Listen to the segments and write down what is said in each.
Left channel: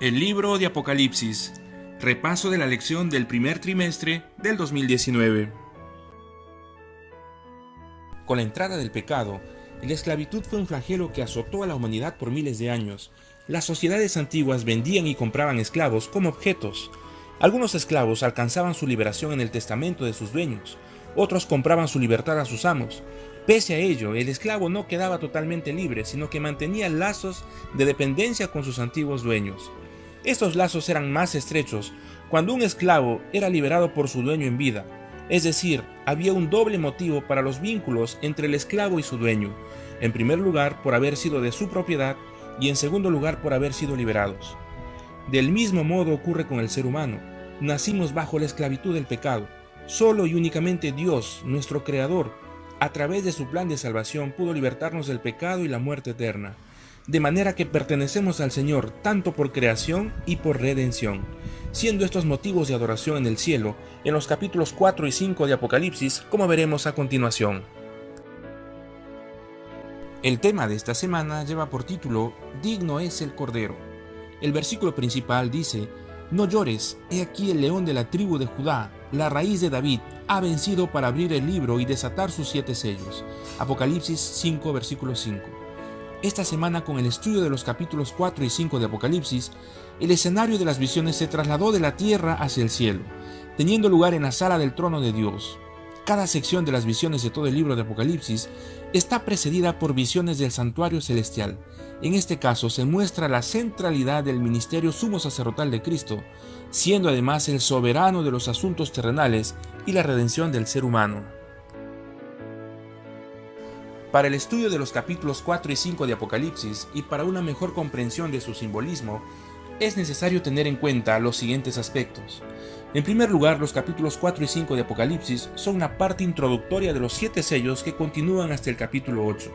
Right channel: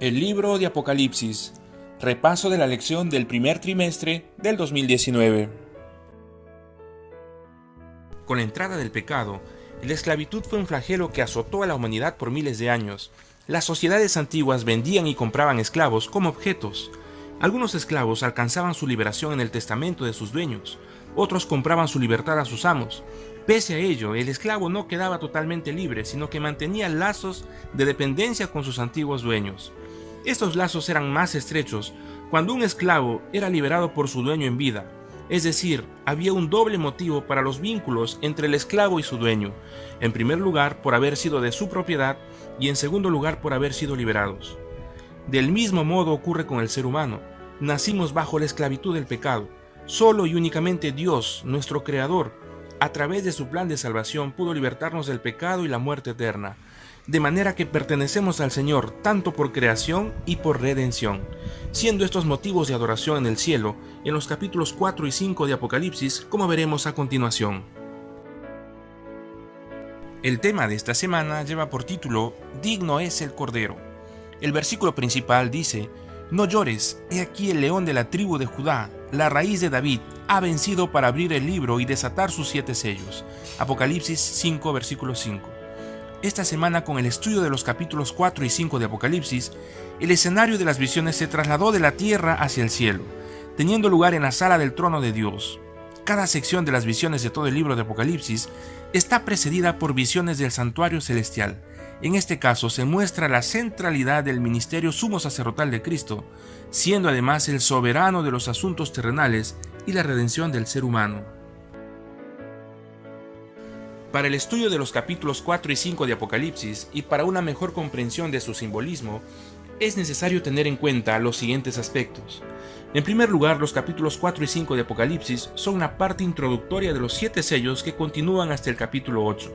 El libro de Apocalipsis. Repaso de la lección del primer trimestre del 2019. Con la entrada del pecado, la esclavitud fue un flagelo que azotó a la humanidad por miles de años. Las sociedades antiguas vendían y compraban esclavos como objetos. Algunos esclavos alcanzaban su liberación en el testamento de sus dueños, otros compraban su libertad a sus amos. Pese a ello, el esclavo no quedaba totalmente libre, sino que mantenía lazos de dependencia con sus antiguos dueños. Estos lazos eran más estrechos cuando un esclavo era liberado por su dueño en vida, es decir, había un doble motivo para los vínculos entre el esclavo y su dueño, en primer lugar por haber sido de su propiedad y en segundo lugar por haber sido liberados. Del mismo modo ocurre con el ser humano. Nacimos bajo la esclavitud del pecado. Solo y únicamente Dios, nuestro Creador, a través de su plan de salvación pudo libertarnos del pecado y la muerte eterna, de manera que pertenecemos al Señor tanto por creación y por redención, siendo estos motivos de adoración en el cielo en los capítulos 4 y 5 de Apocalipsis, como veremos a continuación. El tema de esta semana lleva por título Digno es el Cordero. El versículo principal dice: No llores, he aquí el león de la tribu de Judá, la raíz de David, ha vencido para abrir el libro y desatar sus 7 sellos. Apocalipsis 5, versículo 5. Esta semana, con el estudio de los capítulos 4 y 5 de Apocalipsis, el escenario de las visiones se trasladó de la tierra hacia el cielo, teniendo lugar en la sala del trono de Dios. Cada sección de las visiones de todo el libro de Apocalipsis está precedida por visiones del santuario celestial. En este caso se muestra la centralidad del ministerio sumo sacerdotal de Cristo, siendo además el soberano de los asuntos terrenales y la redención del ser humano. Para el estudio de los capítulos 4 y 5 de Apocalipsis y para una mejor comprensión de su simbolismo, es necesario tener en cuenta los siguientes aspectos. En primer lugar, los capítulos 4 y 5 de Apocalipsis son una parte introductoria de los 7 sellos que continúan hasta el capítulo 8.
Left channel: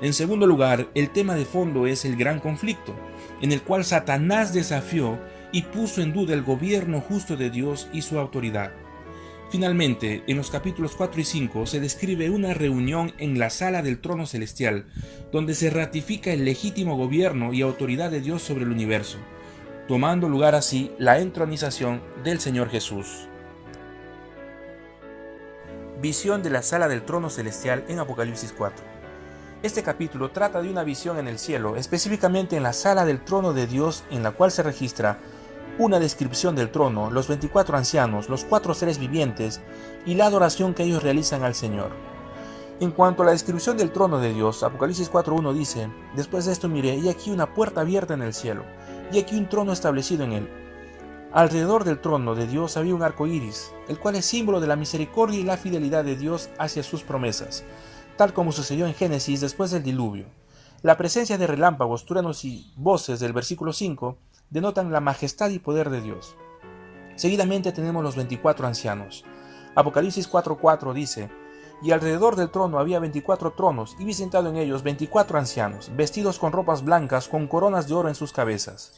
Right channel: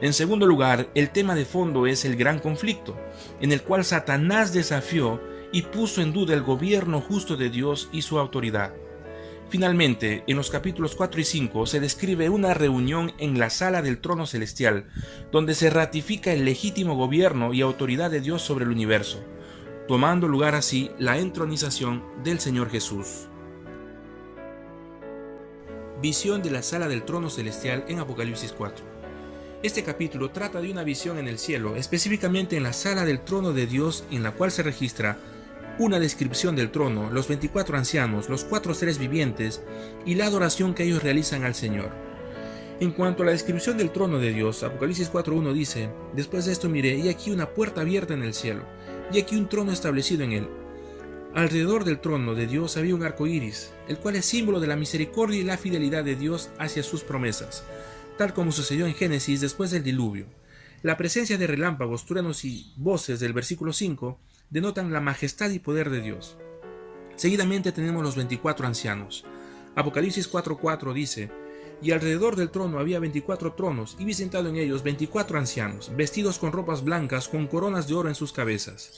En segundo lugar, el tema de fondo es el gran conflicto, en el cual Satanás desafió y puso en duda el gobierno justo de Dios y su autoridad. Finalmente, en los capítulos 4 y 5 se describe una reunión en la sala del trono celestial, donde se ratifica el legítimo gobierno y autoridad de Dios sobre el universo, tomando lugar así la entronización del Señor Jesús. Visión de la sala del trono celestial en Apocalipsis 4. Este capítulo trata de una visión en el cielo, específicamente en la sala del trono de Dios, en la cual se registra una descripción del trono, los 24 ancianos, los 4 seres vivientes y la adoración que ellos realizan al Señor. En cuanto a la descripción del trono de Dios, Apocalipsis 4.1 dice: Después de esto miré, y aquí una puerta abierta en el cielo, y aquí un trono establecido en él. Alrededor del trono de Dios había un arco iris, el cual es símbolo de la misericordia y la fidelidad de Dios hacia sus promesas, tal como sucedió en Génesis después del diluvio. La presencia de relámpagos, truenos y voces del versículo 5 denotan la majestad y poder de Dios. Seguidamente tenemos los 24 ancianos. Apocalipsis 4.4 dice: Y alrededor del trono había 24 tronos, y vi sentado en ellos 24 ancianos, vestidos con ropas blancas, con coronas de oro en sus cabezas.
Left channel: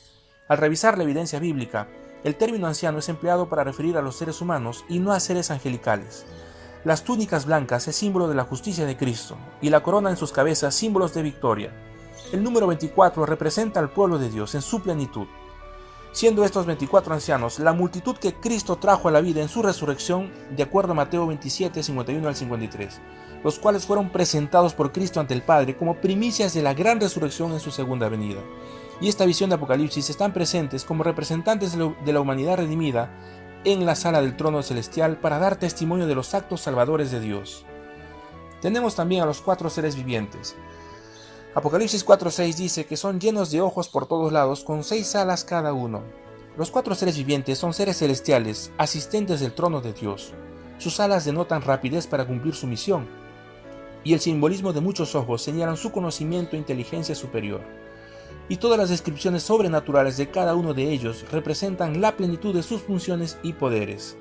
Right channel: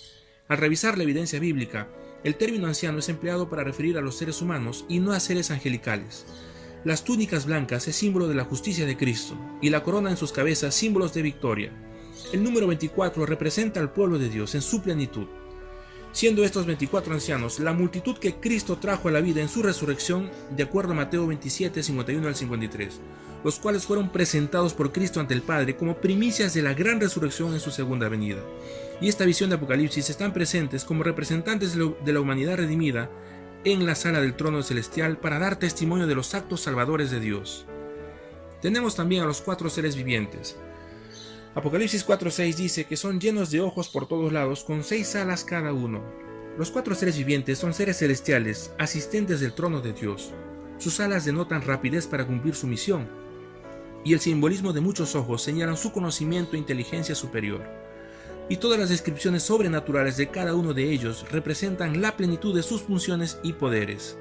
Al revisar la evidencia bíblica, el término anciano es empleado para referir a los seres humanos y no a seres angelicales. Las túnicas blancas es símbolo de la justicia de Cristo, y la corona en sus cabezas símbolos de victoria. El número 24 representa al pueblo de Dios en su plenitud. Siendo estos 24 ancianos la multitud que Cristo trajo a la vida en su resurrección, de acuerdo a Mateo 27, 51 al 53, los cuales fueron presentados por Cristo ante el Padre como primicias de la gran resurrección en su segunda venida. Y esta visión de Apocalipsis están presentes como representantes de la humanidad redimida en la sala del trono celestial para dar testimonio de los actos salvadores de Dios. Tenemos también a los 4 seres vivientes. Apocalipsis 4.6 dice que son llenos de ojos por todos lados, con 6 alas cada uno. Los 4 seres vivientes son seres celestiales, asistentes del trono de Dios. Sus alas denotan rapidez para cumplir su misión, y el simbolismo de muchos ojos señalan su conocimiento e inteligencia superior. Y todas las descripciones sobrenaturales de cada uno de ellos representan la plenitud de sus funciones y poderes.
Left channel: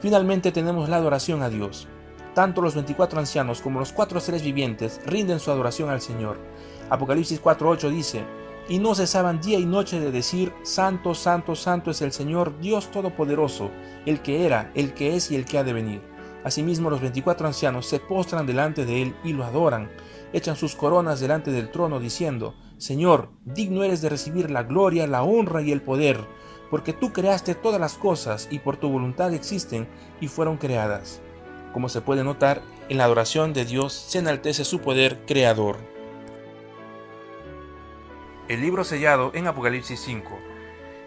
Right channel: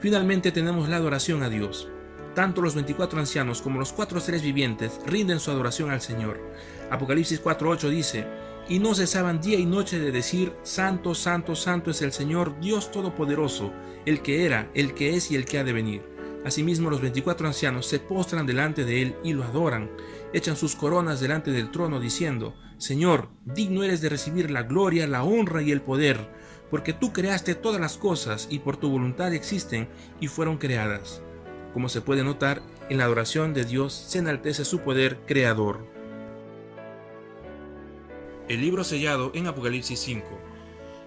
Finalmente tenemos la adoración a Dios. Tanto los 24 ancianos como los 4 seres vivientes rinden su adoración al Señor. Apocalipsis 4.8 dice: Y no cesaban día y noche de decir: Santo, santo, santo es el Señor, Dios Todopoderoso, el que era, el que es y el que ha de venir. Asimismo los 24 ancianos se postran delante de él y lo adoran. Echan sus coronas delante del trono diciendo: Señor, digno eres de recibir la gloria, la honra y el poder, porque tú creaste todas las cosas y por tu voluntad existen y fueron creadas. Como se puede notar, en la adoración de Dios se enaltece su poder creador. El libro sellado en Apocalipsis 5.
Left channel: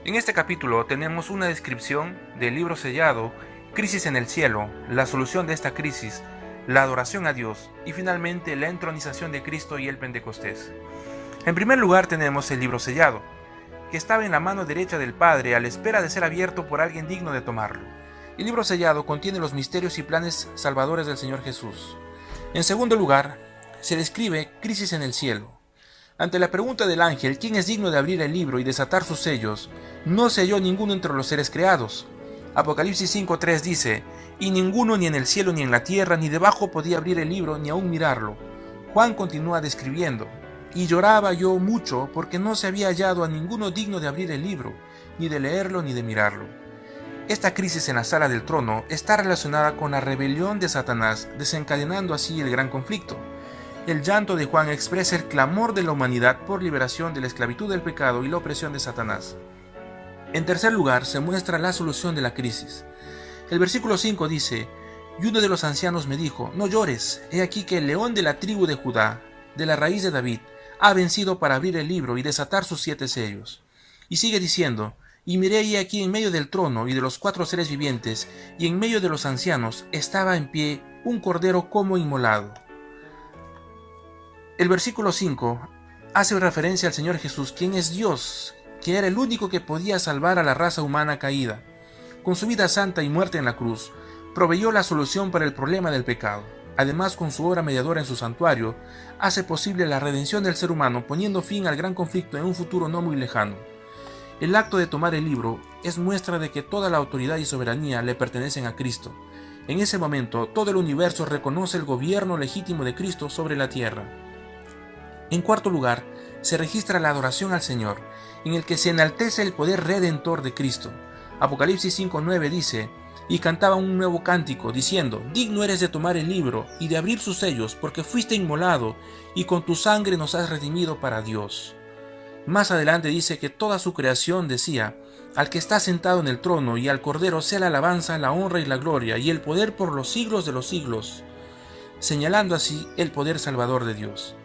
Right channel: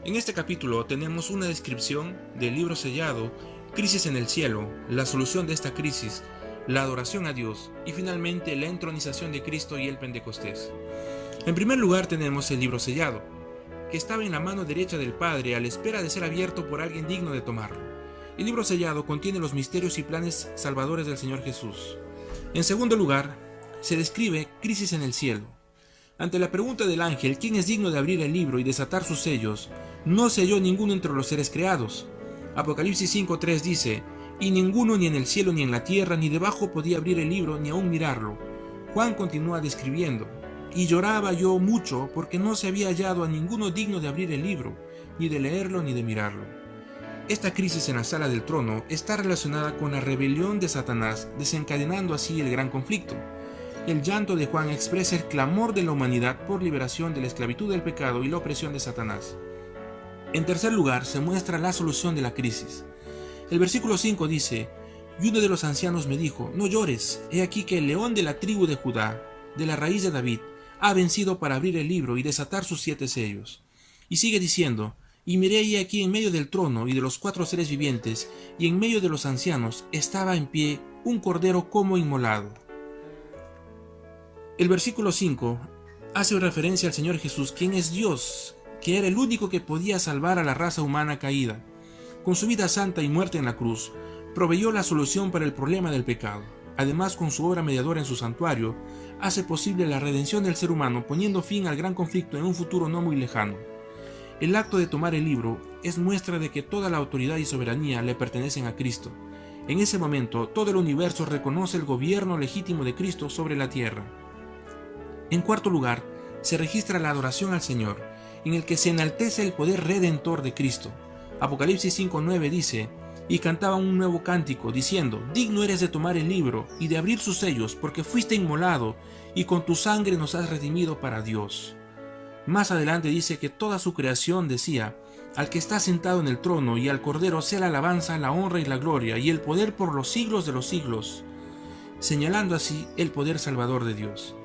En este capítulo tenemos una descripción del libro sellado, crisis en el cielo, la solución de esta crisis, la adoración a Dios y finalmente la entronización de Cristo y el Pentecostés. En primer lugar tenemos el libro sellado, que estaba en la mano derecha del Padre a la espera de ser abierto por alguien digno de tomarlo. El libro sellado contiene los misterios y planes salvadores del Señor Jesús. En segundo lugar, se describe crisis en el cielo. Ante la pregunta del ángel, ¿quién es digno de abrir el libro y desatar sus sellos?, no se halló ninguno entre los seres creados. Apocalipsis 5:3 dice, y ninguno ni en el cielo ni en la tierra ni debajo podía abrir el libro ni aún mirarlo. Juan continúa describiendo, y lloraba yo mucho porque no se había hallado a ninguno digno de abrir el libro, ni de leerlo ni de mirarlo. Esta crisis en la sala del trono está relacionada con la rebelión de Satanás, desencadenando así el gran conflicto. El llanto de Juan expresa el clamor de la humanidad por liberación de la esclavitud del pecado y la opresión de Satanás. En tercer lugar, se muestra la solución de la crisis. El versículo 5 dice, y uno de los ancianos me dijo, no llores, he aquí que el león de la tribu de Judá, de la raíz de David, ha vencido para abrir el libro y desatar sus 7 sellos. Y sigue diciendo, y miré ahí aquí en medio del trono y de los 4 seres vivientes, y en medio de los ancianos estaba en pie un cordero como inmolado. El versículo 5 hace referencia al Señor Jesús, quien es Dios, que era el único que podía salvar a la raza humana caída. Con su vida santa y muerte en la cruz, proveyó la solución para el problema del pecado. Además, con su obra mediadora en su santuario, hace posible la redención del ser humano, poniendo fin al gran conflicto en un futuro no muy lejano. El acto de tomar el libro es muestra de que toda la autoridad y soberanía le pertenecen a Cristo. En ese momento, todo el universo reconoce el gobierno legítimo de Cristo sobre la tierra. En cuarto lugar, se registra la adoración al Señor, en el que se enaltece el poder redentor de Cristo. Apocalipsis 5:9 dice, y cantaban un nuevo cántico, diciendo, digno eres de tomar el libro y de abrir sus sellos, porque fuiste inmolado, y con tu sangre nos has redimido para Dios. Más adelante dice que toda su creación decía, al que está sentado en el trono y al Cordero sea la alabanza, la honra y la gloria, y el poder por los siglos de los siglos, señalando así el poder salvador de Dios.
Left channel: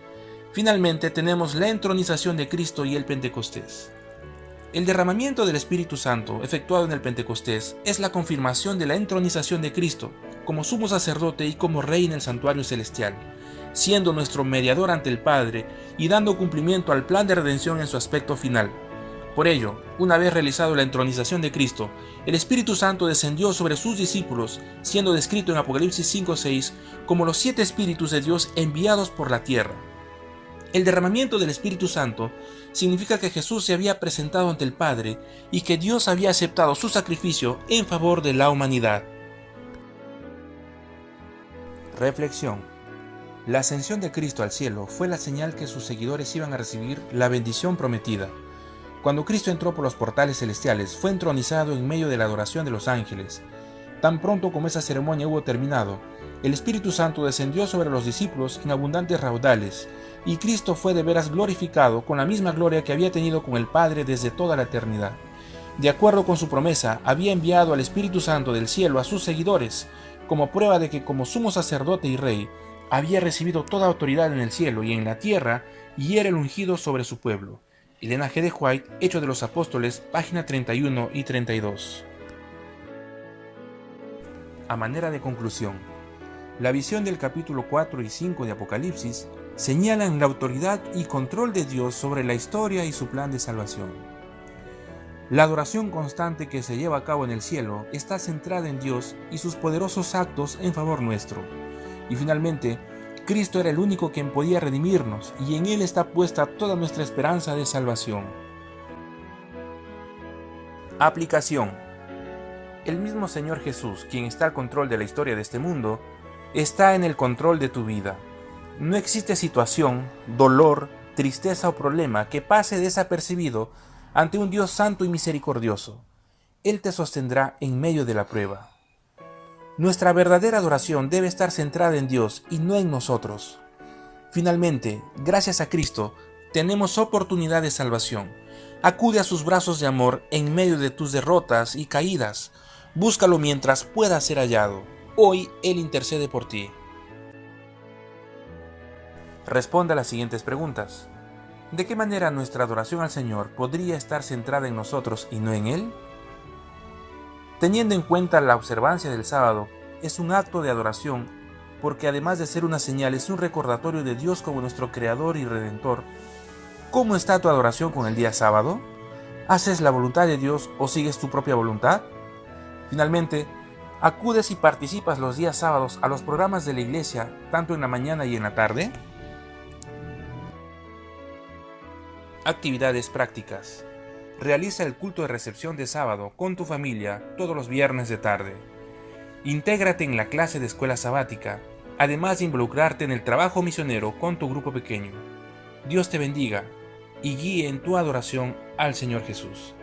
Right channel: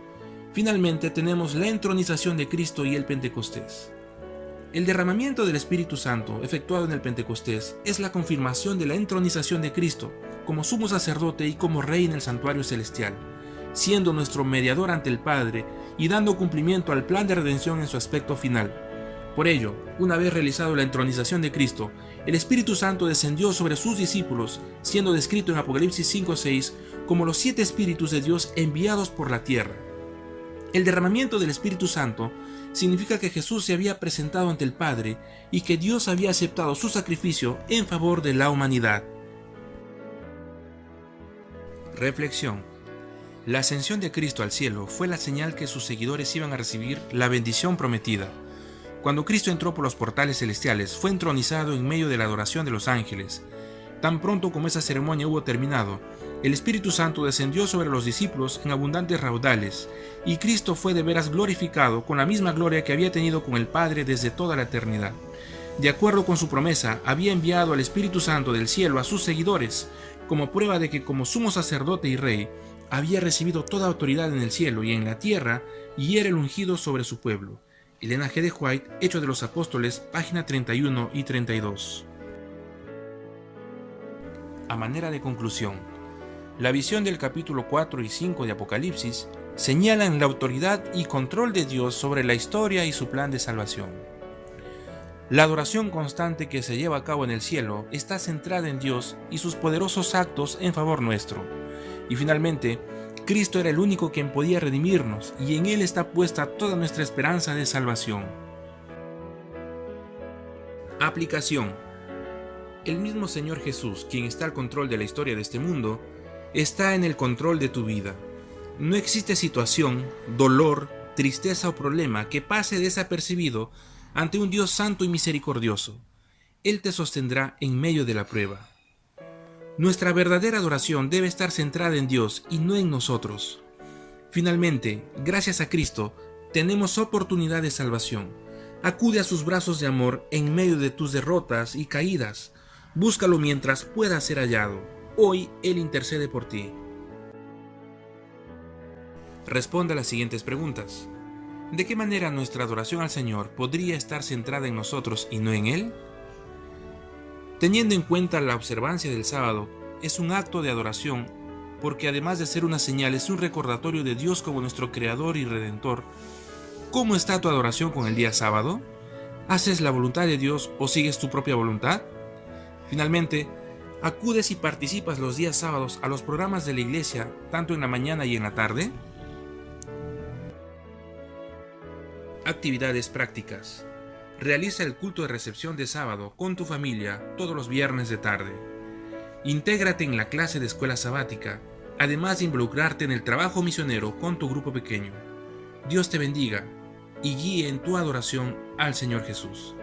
Finalmente tenemos la entronización de Cristo y el Pentecostés. El derramamiento del Espíritu Santo, efectuado en el Pentecostés, es la confirmación de la entronización de Cristo, como sumo sacerdote y como rey en el santuario celestial, siendo nuestro mediador ante el Padre y dando cumplimiento al plan de redención en su aspecto final. Por ello, una vez realizado la entronización de Cristo, el Espíritu Santo descendió sobre sus discípulos, siendo descrito en Apocalipsis 5:6 como los 7 Espíritus de Dios enviados por la tierra. El derramamiento del Espíritu Santo significa que Jesús se había presentado ante el Padre y que Dios había aceptado su sacrificio en favor de la humanidad. Reflexión. La ascensión de Cristo al cielo fue la señal que sus seguidores iban a recibir la bendición prometida. Cuando Cristo entró por los portales celestiales, fue entronizado en medio de la adoración de los ángeles. Tan pronto como esa ceremonia hubo terminado, el Espíritu Santo descendió sobre los discípulos en abundantes raudales, y Cristo fue de veras glorificado con la misma gloria que había tenido con el Padre desde toda la eternidad. De acuerdo con su promesa, había enviado al Espíritu Santo del cielo a sus seguidores, como prueba de que como sumo sacerdote y rey, había recibido toda autoridad en el cielo y en la tierra, y era el ungido sobre su pueblo. Elena G. de White, Hechos de los Apóstoles, página 31 y 32. A manera de conclusión, la visión del capítulo 4 y 5 de Apocalipsis señalan la autoridad y control de Dios sobre la historia y su plan de salvación. La adoración constante que se lleva a cabo en el cielo está centrada en Dios y sus poderosos actos en favor nuestro. Y finalmente, Cristo era el único quien podía redimirnos, y en Él está puesta toda nuestra esperanza de salvación. Aplicación. El mismo Señor Jesús, quien está al control de la historia de este mundo, está en el control de tu vida. No existe situación, dolor, tristeza o problema que pase desapercibido ante un Dios santo y misericordioso. Él te sostendrá en medio de la prueba. Nuestra verdadera adoración debe estar centrada en Dios y no en nosotros. Finalmente, gracias a Cristo, Tenemos oportunidad de salvación. Acude a sus brazos de amor en medio de tus derrotas y caídas. Búscalo mientras pueda ser hallado. Hoy Él intercede por ti. Responde a las siguientes preguntas. ¿De qué manera nuestra adoración al Señor podría estar centrada en nosotros y no en Él? Teniendo en cuenta la observancia del sábado, es un acto de adoración porque además de ser una señal es un recordatorio de Dios como nuestro Creador y Redentor. ¿Cómo está tu adoración con el día sábado? ¿Haces la voluntad de Dios o sigues tu propia voluntad? Finalmente, ¿acudes y participas los días sábados a los programas de la iglesia, tanto en la mañana y en la tarde? Actividades prácticas. Realiza el culto de recepción de sábado con tu familia todos los viernes de tarde. Intégrate en la clase de escuela sabática, además de involucrarte en el trabajo misionero con tu grupo pequeño. Dios te bendiga y guíe en tu adoración al Señor Jesús.